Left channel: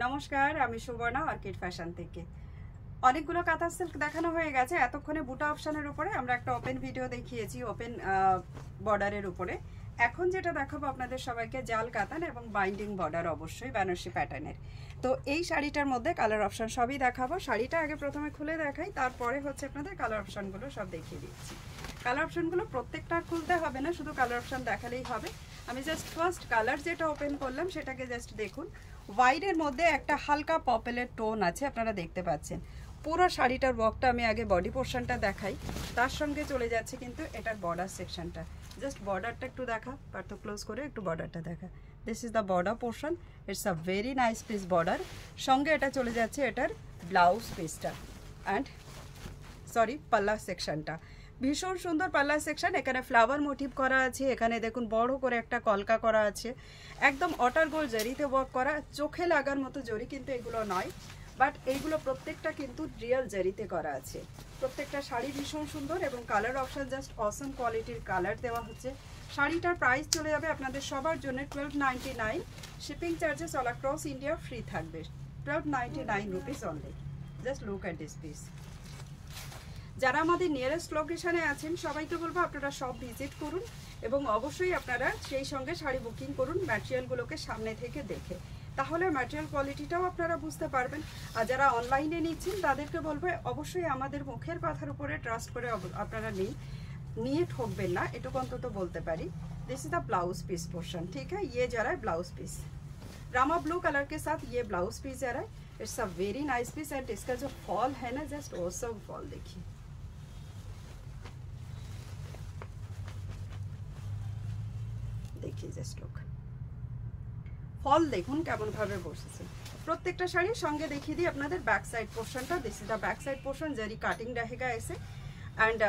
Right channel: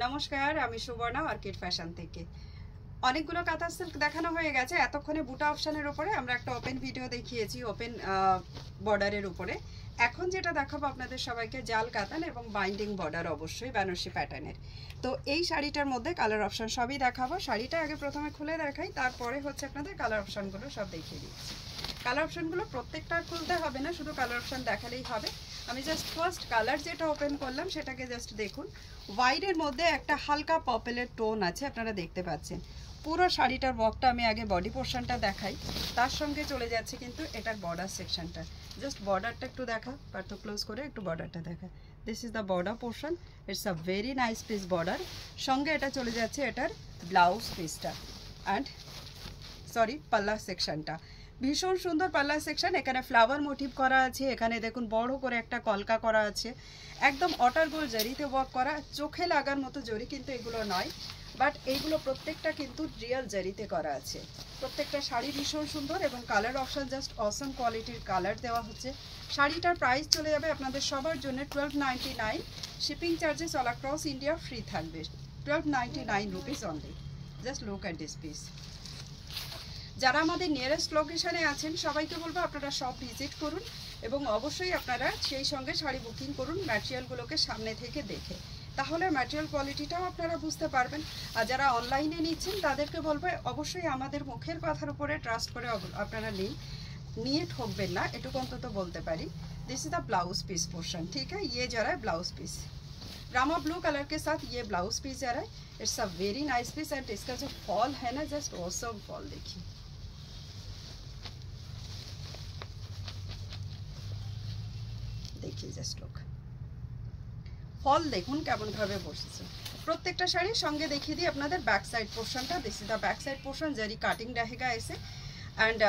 নমস্কার, আমি Suborna orchid fashion থেকে। অনেকগুলো কাঁথা সিল্ক দেখানো হয়ে গেছে। এতক্ষণে বুটা অপশনের উপরে আমরা একটা ওপেন ভিডিও দেখিয়েছি, ওপেন বর্ডারের উপরে। এখন যেটা দেখাবো আপনাদের সবাইকে জাল কাতান এবং বাইন্ডিং বর্ডার, অবশ্যই বেনারসি প্যাটার্নের। তো এই শাড়িটার মধ্যে কালার অপশন সবই দেখাবো। শাড়িটা আগে প্রথমে খুলে দেখাই, তারপরে হচ্ছে আপনাদের কালার অপশনগুলো সব দেখিয়ে দিচ্ছি। কালার অপশনগুলো প্রত্যেকটা খুলতে হবে না, শুধু কালার অপশন দেখালেই হবে। আমি জাস্ট ফার্স্ট কালার যেটা ওপেন করলাম সেটাকে জাস্ট দেখুন। হোয়াইটের মধ্যে একটা হালকা পার্পেলের টোন আছে, আপনারা দেখতে পাচ্ছেন। পুরো শাড়িটার ওয়ার্কটা আমি আগে বডি পোর্শনটা দেখাই, তার সঙ্গে চলে যাচ্ছে কিন্তু এটার বর্ডার সেকশনটা। জাস্ট বর্ডারটা একটু দেখা, একটু ক্লোজ করে একটু বর্ডারটা দেখা। This is the border portion, it's a very nice piece border. সঙ্গে এটা চলে যাচ্ছে এটার ব্লাউজ পিসটা অ্যান্ড পাল্লা সেকশনটা। ভীষণ সুন্দর পাল্লা সেকশন। এখানে ফ্লাওয়ার মোটিভ করা আছে, এখানে দেখুন বড় করে একটা কলকা করা আছে, একদম অটার গোল জরিতে ওয়ার্ক করা। চোখে লাগার মতো জরি কিন্তু এগুলো নয়, বাট এইগুলো প্রত্যেকটা কিন্তু রিয়েল জরিতে করা আছে। প্রত্যেকটা শাড়ি ভীষণ সুন্দর এবং কালার অপশন জাস্ট অসম কোয়ালিটির কালার দেওয়া হচ্ছে। শাড়িটার প্রাইস চলে যাবে আপনাদের সবার জন্য 1299। Shipping charges all across India free থাকবে। 1299 rupees only. Just look at this piece. যারা আমাদের নিয়ারেস্ট লোকেশনে আছেন সবাইকে বলবো আপনারা সব ভিজিট করুন এবং অবশ্যই আপনারা সেই সঙ্গে শাড়ি বুকিং করুন ম্যাটেরিয়ালগুলোকে সামনে থেকে দেখে, তাহলে ম্যাটেরিয়াল কোয়ালিটিটাও আপনারা বুঝতে পারবেন। আর যারা অনলাইনে নিচ্ছেন তাদেরকে বলবো অবশ্যই আমাদের মুখের কথার উপরে ট্রাস্ট করে আপনারা নিয়ে ঠকবেন না, এটুকু অন্তত বলতে পারি। This is the blouse piece portion, ठीक है। ये जा रहा है blouse piece, Rama blue colour के साथ ये ब्लाउज पीस जा रहा है। It's a very nice piece and इसका जो फॉल है ना, जस्ट ऑसम फॉल देखिए। देखिए जस्ट लुक, फल देखুন কেমন ভাবে বসেছে। প্রত্যেকটা শাড়ির সঙ্গে দেখিয়ে দিই আপনাদের ব্যাক সাইড পোর্শনটা। This is the back side portion, zari cutting रहेगा ऐसे एंड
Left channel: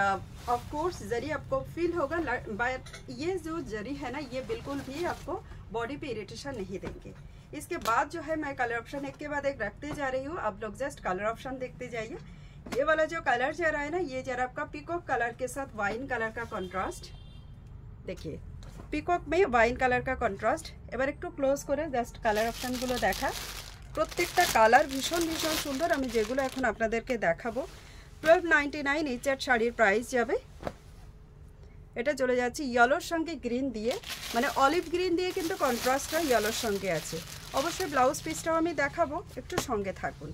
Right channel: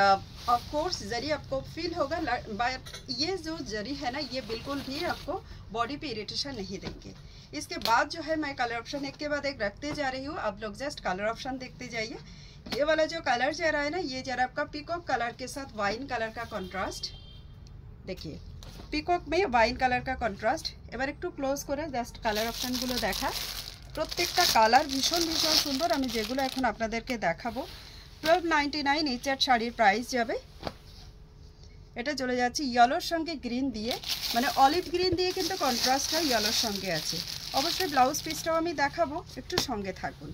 ऑफ कोर्स जरी आपको फील होगा, बट ये जो जरी है ना ये बिल्कुल भी आपको बॉडी पे इरिटेशन नहीं देंगे। इसके बाद जो है मैं कलर ऑप्शन एक के बाद एक रखते जा रही हूँ, आप लोग जस्ट कलर ऑप्शन देखते जाइए। ये वाला जो कलर जा रहा है ना, ये जरा आपका पीकॉक कलर के साथ वाइन कलर का कॉन्ट्रास्ट देखिए। পিকক মে ওয়াইন কালার কা কন্ট্রাস্ট। এবার একটু ক্লোজ করে জাস্ট কালার অপশনগুলো দেখা। প্রত্যেকটা কালার ভীষণ ভীষণ সুন্দর। আমি যেগুলো এখন আপনাদেরকে দেখাবো 1299 এই চার শাড়ির প্রাইস যাবে। এটা চলে যাচ্ছে ইয়েলোর সঙ্গে গ্রিন দিয়ে, মানে অলিভ গ্রিন দিয়ে কিন্তু কন্ট্রাস্টটা ইয়েলোর সঙ্গে আছে। অবশ্যই ব্লাউজ পিসটাও আমি দেখাবো, একটু সঙ্গে থাকুন।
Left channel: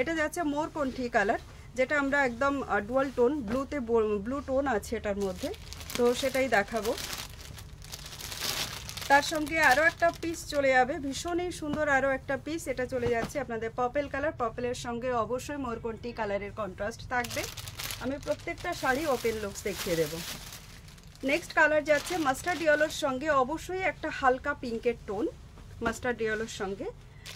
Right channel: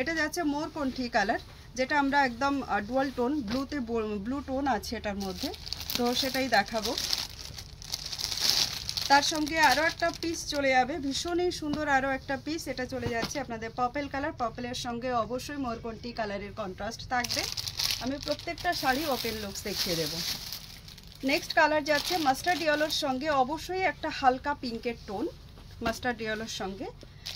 এটা যাচ্ছে মোরকণ্ঠী কালার, যেটা আমরা একদম ডুয়াল টোন, ব্লু টোন আছে এটার মধ্যে, তো সেটাই দেখাবো। তার সঙ্গে আরও একটা পিস চলে যাবে, ভীষণই সুন্দর আরও একটা পিস। এটা চলে যাচ্ছে আপনাদের পার্পল কালার, পার্পলের সঙ্গে অবশ্যই মোরকণ্ঠী কালারের কন্ট্রাস্ট থাকবে। আমি প্রত্যেকটা শাড়ি ওপেন লুকস দেখিয়ে দেবো। নেক্সট কালার যাচ্ছে মাস্টার্ড ইয়েলোর সঙ্গে অবশ্যই একটা হালকা পিঙ্কের টোন, মাস্টার্ড ইয়েলোর সঙ্গে।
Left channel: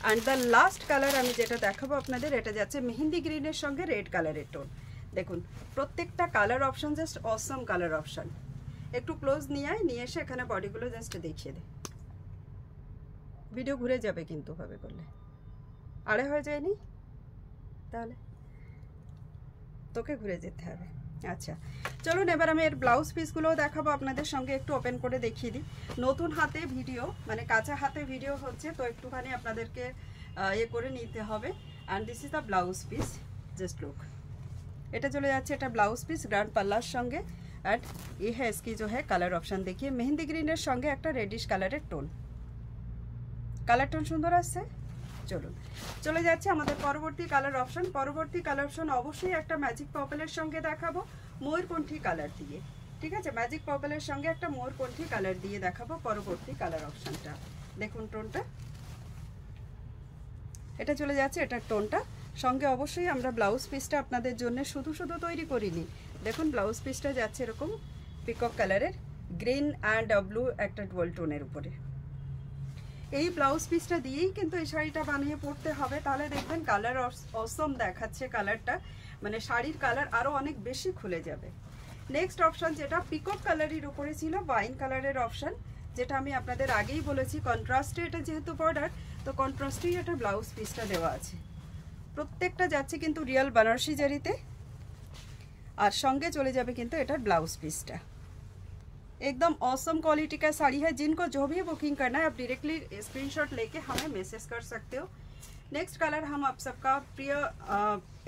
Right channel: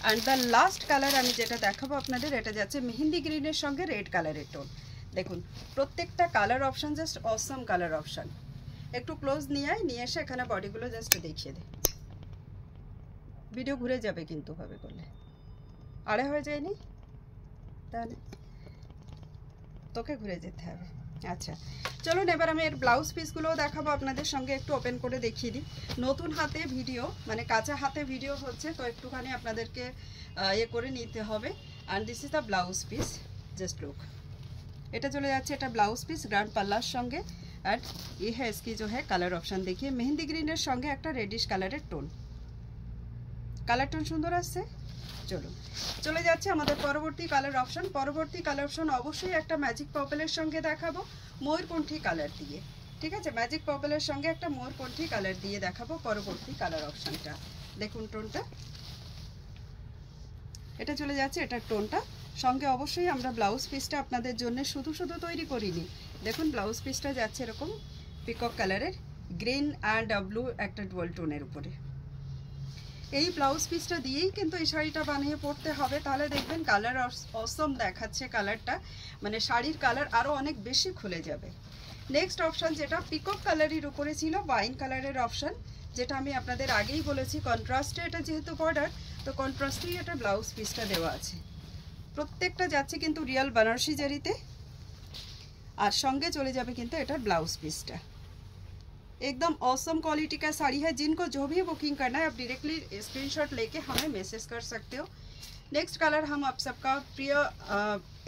অ্যান্ড দ্য লাস্ট কালার আমি যেটা দেখাবো আপনাদের, এটা যাচ্ছে মেহেন্দি গ্রিনের সঙ্গে রেড কালারের টোন। দেখুন প্রত্যেকটা কালার অপশান জাস্ট অসম কালার অপশান। একটু ক্লোজ নিয়ে এসে এখানে বডিগুলো জাস্ট দেখিয়ে দে। ভিডিও ঘুরে যাবে কিন্তু ভাবে করলে, আড়ে হয়ে যায়নি তাহলে তোকে ঘুরে যেতে হবে। আচ্ছা চলুন এবার আমি এর ব্লাউজ পিসগুলোও দেখাবো আপনাদের সঙ্গে, একটু ওপেন করে দেখিয়ে দিই। নতুন হাতে ভিডিও, মানে কাঁচা হাতে ভিডিও হচ্ছে, তো একটুখানি আপনাদেরকে ইয়ে করে নিতে হবে। And this is the blouse piece, just look. এটা চলে যাচ্ছে এটা ব্লাউজ পিস গ্র্যান্ড পাল্লার সঙ্গে। एंड ये है इसकी जो है कलर ऑप्शन देखिए, मेहंदी ग्रीनर संगे एक reddish colour tone, colour tone सुंदर आसছে। चलুন চলে যাচ্ছে আমাদের পরবর্তী কালার অপশন। পরবর্তী কালার অপশন অবশ্যই একটা ম্যাজিক পার্পলের সঙ্গে দেখাবো ময়ূরকণ্ঠী কালার দিয়ে, ঠিক আছে। ম্যাজিক পার্পলের সঙ্গে একটা ময়ূরকণ্ঠী কালার দিয়ে দেখাবো পরবর্তী কালার অপশনটা। দেখুন টোনটা, এটা চলে যাচ্ছে এটার টোনটা সঙ্গে। অবশ্যই আমরা ব্লাউজ পিসটা আপনাদের জন্য শুধু শুধু তৈরি করিনি। দেখুন ব্লাউজ পিসটা যাচ্ছে এরকম পিকক কালারের গ্রিন অ্যান্ড ব্লু একটা ডুয়াল টোনের উপরে। এই ব্লাউজ পিসটা দিয়েই কিন্তু এই শাড়িটা বানিয়ে পরতে হবে, তাহলে দেখবেন কালার অসম দেখাচ্ছে কালারটা, মানে শাড়ির কালার আরও অনেক বেশি খুলে যাবে। নেক্সট অপশান যেটা পিকক কালারের উপরে ছিল ওয়াইন কালারের অপশান, যেটা আমি আপনাদের আগেই বলেছি কন্ট্রাস্টে এটা যেহেতু বর্ডার, তো কন্ট্রাস্টেই এটা ব্লাউজ পিসটা দেওয়া আছে। প্রত্যেকটা যাচ্ছে কিন্তু রিয়েল बनारसी জারিতে, আর সঙ্গে চলে যাবে কিন্তু এটার ব্লাউজ পিসটা। एकदम ऑसम क्वालिटी का साड़ी है। जिनको जो भी बुकिंग करना है आप डायरेक्टली स्क्रीनशॉट लेके हमें मैसेज कर सकते हो। নেক্সট কালার হাম আপ সবকা প্রিয়,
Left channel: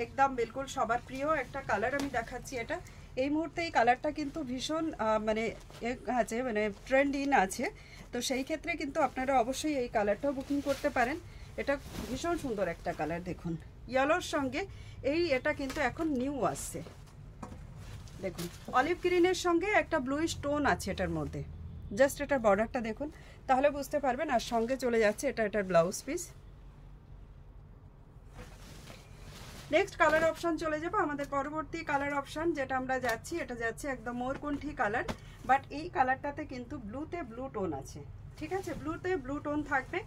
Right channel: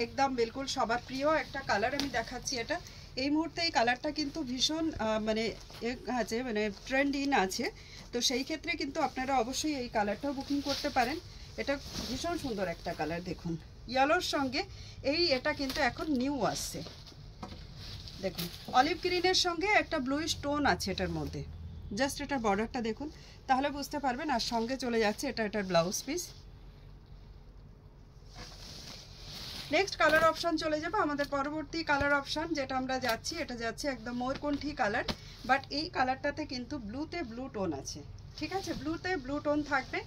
একদম বিলকুল সবার প্রিয় একটা কালার আমি দেখাচ্ছি। এটা এই মুহূর্তে এই কালারটা কিন্তু ভীষণ মানে আছে, মানে ট্রেন্ড ইন আছে। তো সেই ক্ষেত্রে কিন্তু আপনারা অবশ্যই এই কালারটাও বুকিং করতে পারেন। এটা ভীষণ সুন্দর একটা কালার, দেখুন ইয়েলোর সঙ্গে এটা কিন্তু এখন নিউ আসছে। দেখুন অলিভ গ্রিনের সঙ্গে একটা ব্লুইশ টোন আছে এটার মধ্যে। জাস্ট এটার বর্ডারটা দেখুন, তাহলে বুঝতে পারবেন। আর সঙ্গে চলে যাচ্ছে এটার blouse piece. Next colour option চলে যাবো আমাদের পরবর্তী কালার অপশন যেটা আমরা যাচ্ছি, এটা যাচ্ছে একদম ময়ূরকণ্ঠী কালার। বাট এই কালারটাতে কিন্তু ব্লুতে ব্লু টোন আছে, ঠিক আছে? ব্লুতে ব্লু টোন থাকবে।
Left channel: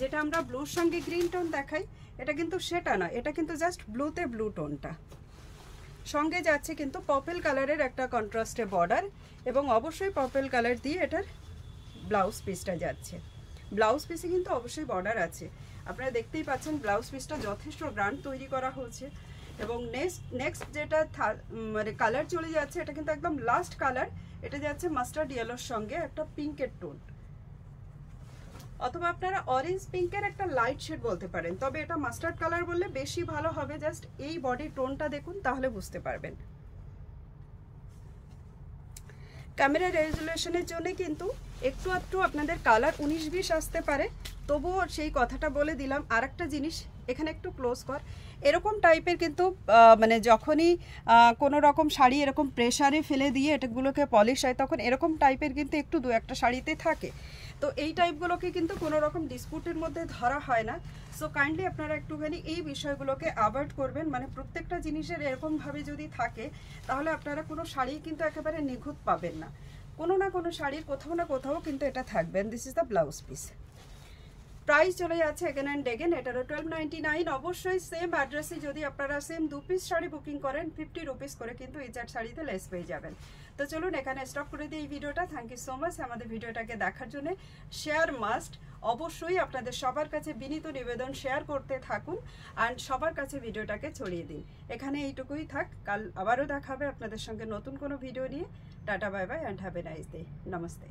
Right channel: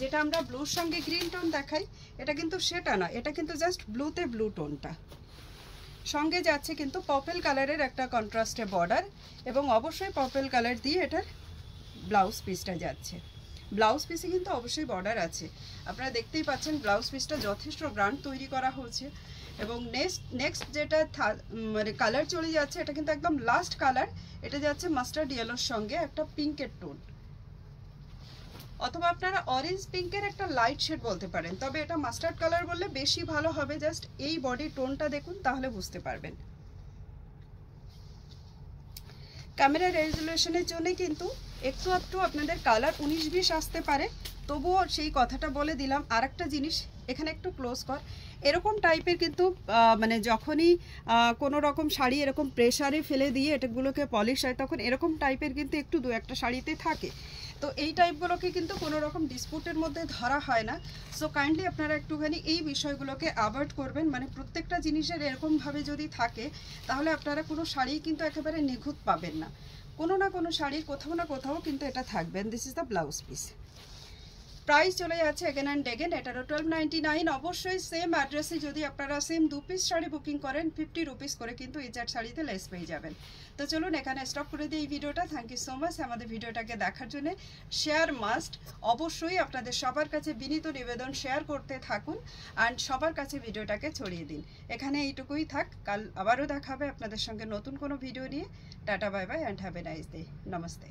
যেটা আমরা ব্লুর সঙ্গে গ্রিন টোন দেখাই, এটা কিন্তু সেটা না, এটা কিন্তু জাস্ট ব্লুতে ব্লু টোনটা। সঙ্গে যাচ্ছে কিন্তু পার্পল কালারের একটা কন্ট্রাস্টে বর্ডার, এবং অবশ্যই পার্পল কালার দিয়ে এটার ব্লাউজ পিসটা যাচ্ছে। ব্লাউজ পিসে কিন্তু অবশ্যই বর্ডার আছে, আপনারা দেখতেই পাচ্ছেন। ব্লাউজ পিসটা যথেষ্ট গ্র্যান্ড তৈরি করা হয়েছে। এবং নেক্সট যেটা মানে কালার চলে যাচ্ছে, এটা কিন্তু একদম লাস্ট কালার। এটা যাচ্ছে মাস্টার্ড ইয়েলোর সঙ্গে একটা পিঙ্কের টোন, অথবা আপনারা অরেঞ্জ পিঙ্কের একটা লাইট শেড বলতে পারেন। তবে এটা মাস্টার্ড কালার বললে বেশি ভালো হবে। জাস্ট এই বডি টোনটা দেখুন, তাহলে বুঝতে পারবেন। ক্যামেরা রেজুলেশনের জন্য কিন্তু একটু আপনাদের কালার 19-20 আসতে পারে, তবুও সেই কথাটা বলে দিলাম। আর একটা জিনিস, এখানে একটু ক্লোজ কর। এরকম টাইপের কিন্তু মানে যখনই কোনো রকম শাড়ি এরকম প্রেশারে ফেলে দিয়ে এটাগুলোকে পলিশ হয়, তখন এরকম টাইপের কিন্তু একটু দু একটা শাড়িতে থাকে। তো এই টাইপগুলোকে কিন্তু কোনো রকম ডিসপুটের মধ্যে ধরা হয় না। সো কাইন্ডলি আপনারা একটুখানি এই বিষয়গুলোকে অ্যাভয়েড করবেন। মানে প্রত্যেকটা জিনিসের এরকমভাবে যদি থাকে, তাহলে আপনারা কোনো শাড়ি কিন্তু একেবারে নিখুঁত পাবেন না। কোনো না কোনো শাড়ির কোথাও না কোথাও কিন্তু এটা থাকবে। This is the blouse piece. Price চলে যাচ্ছে এগেন অ্যান্ড এগেন, এটারও 1299। অবশ্যই সেম অ্যাড্রেসে যদি আপনারা সেম 2 পিস শাড়ি বুকিং করেন, 50 রুপিস করে কিন্তু এই 4 শাড়িতে লেস পেয়ে যাবেন। তো চলুন এখানে স্টপ করে দিই এই ভিডিওটা। থ্যাংক ইউ সো মাচ আমাদের ভিডিওটাকে দেখার জন্য। শেয়ার মাস্ট, অবশ্যই আপনাদের সবার কাছে বিনীত নিবেদন, শেয়ার করতে থাকুন অ্যান্ড সবার কাছে ভিডিওটাকে ছড়িয়ে দিন। এখানে এইটুকুই থাক, কাল আবারও দেখা হবে আপনাদের সঙ্গে নতুন কোনো ভিডিও নিয়ে। Tata, bye bye and have a nice day. Namaste.